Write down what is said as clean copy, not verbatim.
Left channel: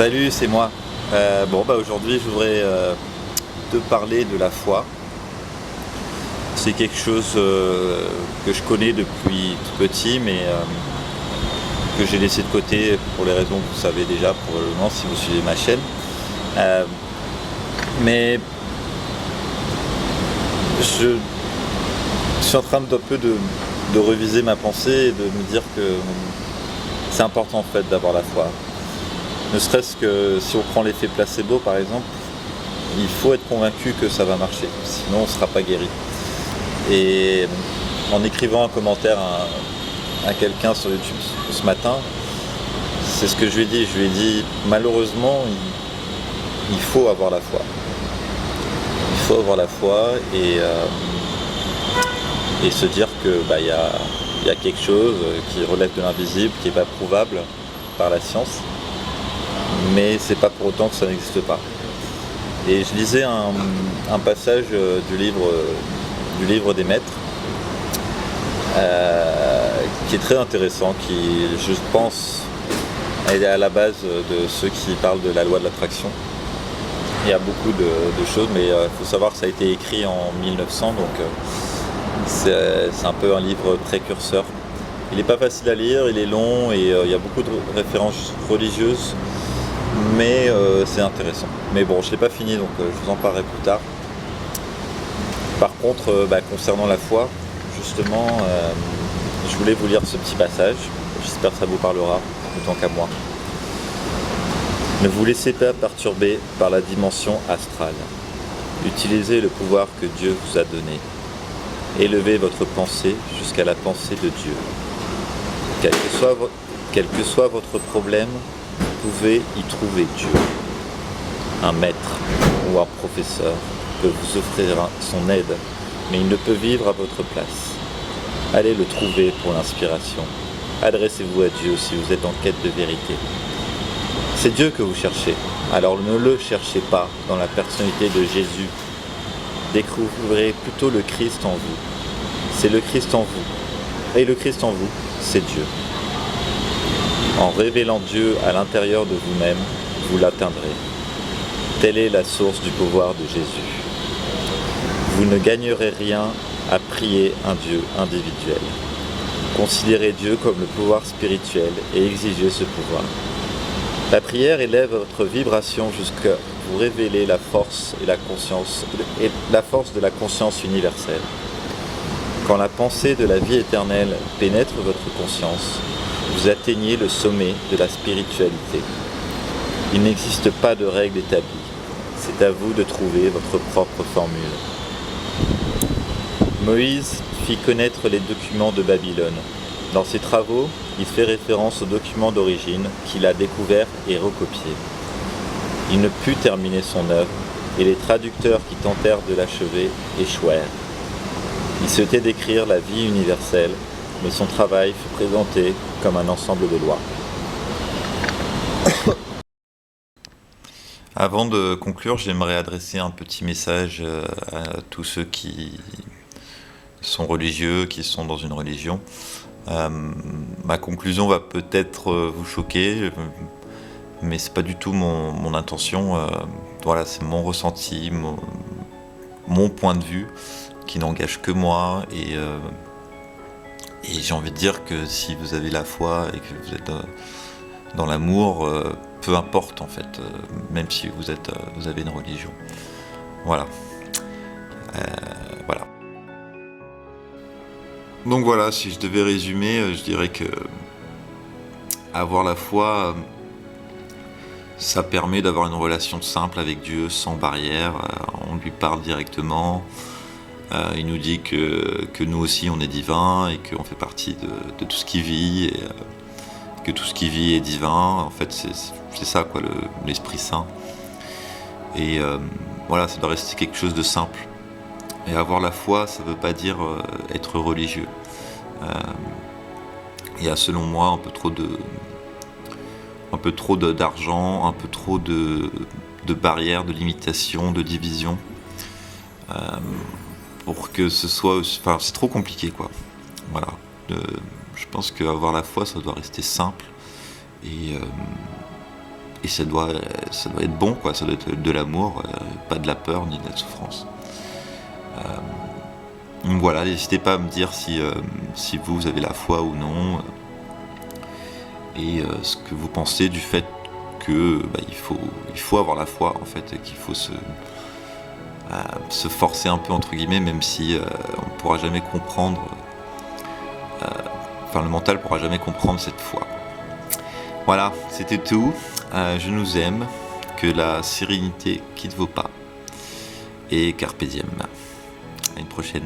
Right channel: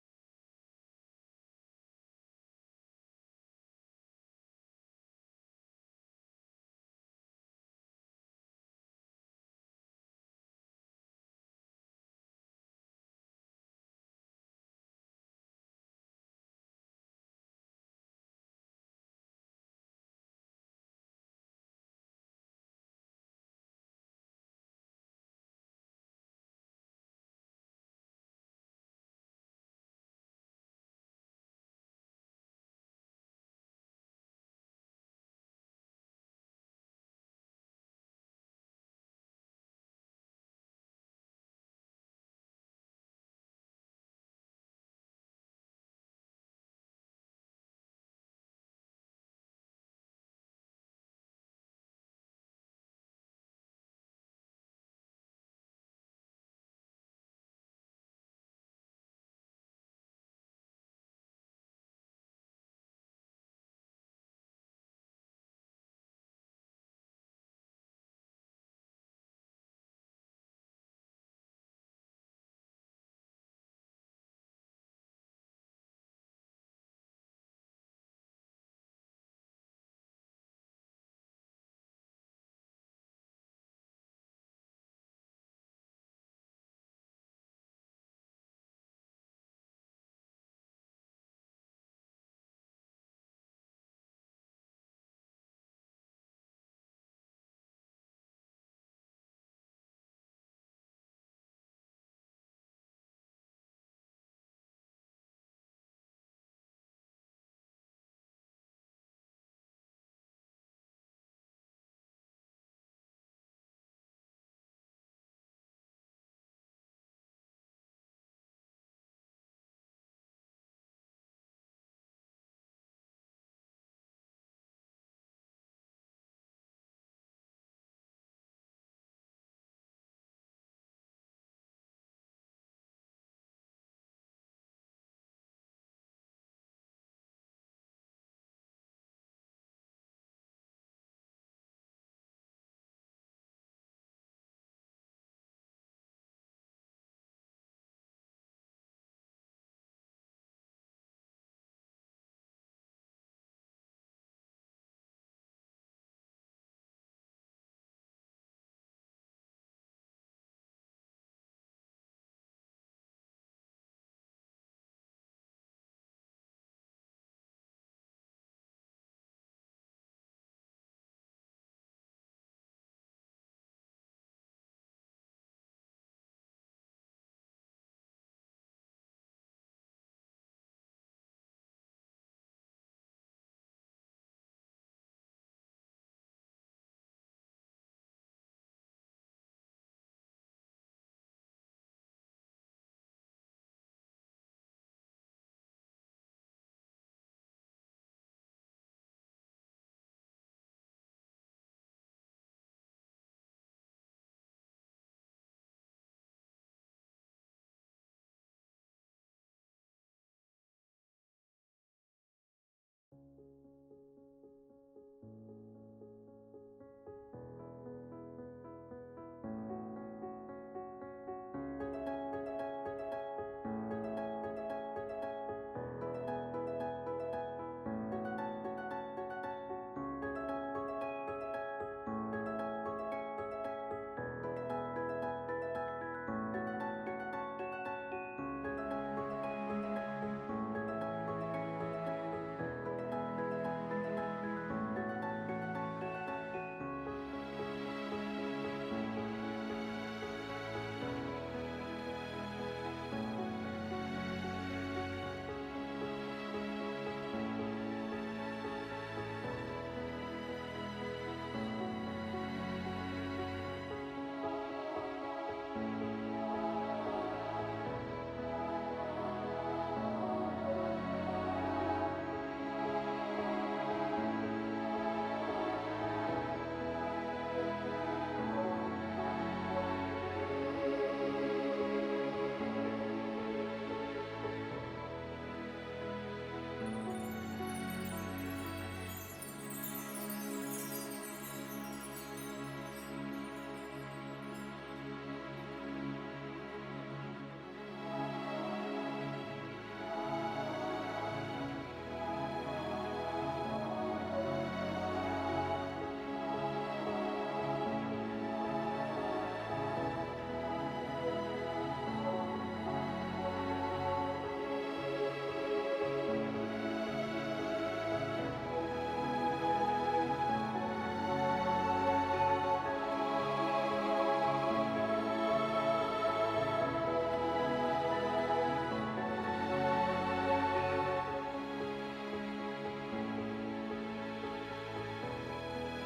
Salut, c'est moi. Aujourd'hui, je voudrais te parler de la foi. C'est quelque chose que je connais depuis tout petit, mais que j'ai laissé de côté pour les raisons que vous savez déjà probablement si vous suivez ma chaîne. Euh, mais je suis en train d'un peu de reviser ma pensée et de me dire que c'est important en fait d'avoir la foi. Ne serait-ce que si on prend l'effet placebo par exemple, il faut être convaincu que ça va marcher, sinon on ne sera pas guéri. Et en écrivant un commentaire à quelqu'un sur YouTube ce matin, c'est ce que je lui ai dit. Je lui ai dit malheureusement il faut avoir la foi. Il faut avoir la foi et se dire que y a quelque chose qui relève de l'invisible, qui n'est pas prouvable par la science, mais c'est pas pour autant que ça n'existe pas. Et je lisais un passage du livre des maîtres, qui est très intéressant, qui, je pense, est à la base de ceux qui parlent de la loi de l'attraction. Il y a beaucoup de choses, mais il faut savoir que ça a été écrit en 1900, donc c'est un peu un livre précurseur. Il n'est pas facile à lire, il est long et il y a beaucoup de références religieuses, mais c'est intéressant. Mais bon, je ne l'ai pas fini, donc je vous en parlerai plus tard. Par contre, concernant la foi, justement, je voulais vous lire ce petit passage. J'espère que ça vous parlera autant qu'à moi. Ne vous laissez pas perturber par la dimension astrale. Utilisez le pouvoir que Dieu vous a donné. Élevez votre pensée jusqu'à la pensée de Dieu. Quel que soit votre problème, vous pouvez y trouver Dieu. Un maître ou un professeur peut vous offrir son aide, mais il ne peut vivre à votre place. Allez le trouver pour l'inspiration. Adressez-vous à Dieu si vous êtes en quête de vérité. C'est Dieu que vous cherchez, alors ne le cherchez pas dans la personnalité de Jésus. Découvrez plutôt le Christ en vous. C'est le Christ en vous. Et le Christ en vous, c'est Dieu. En révélant Dieu à l'intérieur de vous-même, vous l'atteindrez. Telle est la source du pouvoir de Jésus. Vous ne gagnerez rien à prier un Dieu individuel. Considérez Dieu comme le pouvoir spirituel et exigez ce pouvoir. La prière élève votre vibration jusqu'à vous révéler la force et la force de la conscience universelle. Quand la pensée de la vie éternelle pénètre votre conscience, vous atteignez le sommet de la spiritualité. Il n'existe pas de règle établie. C'est à vous de trouver votre propre formule. Moïse fit connaître les documents de Babylone. Dans ses travaux, il fait référence aux documents d'origine qu'il a découverts et recopiés. Il ne put terminer son œuvre et les traducteurs qui tentèrent de l'achever échouèrent. Il souhaitait décrire la vie universelle, mais son travail fut présenté comme un ensemble de lois. Avant de conclure, j'aimerais adresser un petit message à tous ceux qui sont religieux, qui sont dans une religion. Ma conclusion va peut-être vous choquer, mais c'est pas du tout mon intention. Voilà, c'est mon ressenti, mon point de vue, qui n'engage que moi. Et j'ai envie de dire que si vous avez la foi et que vous êtes dans l'amour, peu importe en fait, même si vous avez une religion. Voilà. Voilà. Donc voilà, si je devais résumer, je dirais que avoir la foi, ça permet d'avoir une relation simple avec Dieu, sans barrière. On lui parle directement. Il nous dit que nous aussi on est divin et qu'on fait partie de tout ce qui vit, et que tout ce qui vit est divin. En fait, c'est ça quoi, l'Esprit Saint. Et voilà, ça doit rester quelque chose de simple. Et avoir la foi, ça ne veut pas dire être religieux. Il y a selon moi un peu trop d'argent, un peu trop de barrières, de limitations, de divisions. Pour que ce soit... Enfin, c'est trop compliqué, quoi. Voilà. Je pense qu'avoir la foi, ça doit rester simple. Et Et ça doit être bon, quoi. Ça doit être de l'amour, pas de la peur ni de la souffrance. Donc voilà, n'hésitez pas à me dire si vous avez la foi ou non, et ce que vous pensez du fait que il faut avoir la foi, en fait, et qu'il faut se forcer un peu, entre guillemets, même si on pourra jamais comprendre, le mental pourra jamais comprendre cette foi. Voilà, c'était tout. Je nous aime, que la sérénité quitte vos pas, et carpe diem. À une prochaine.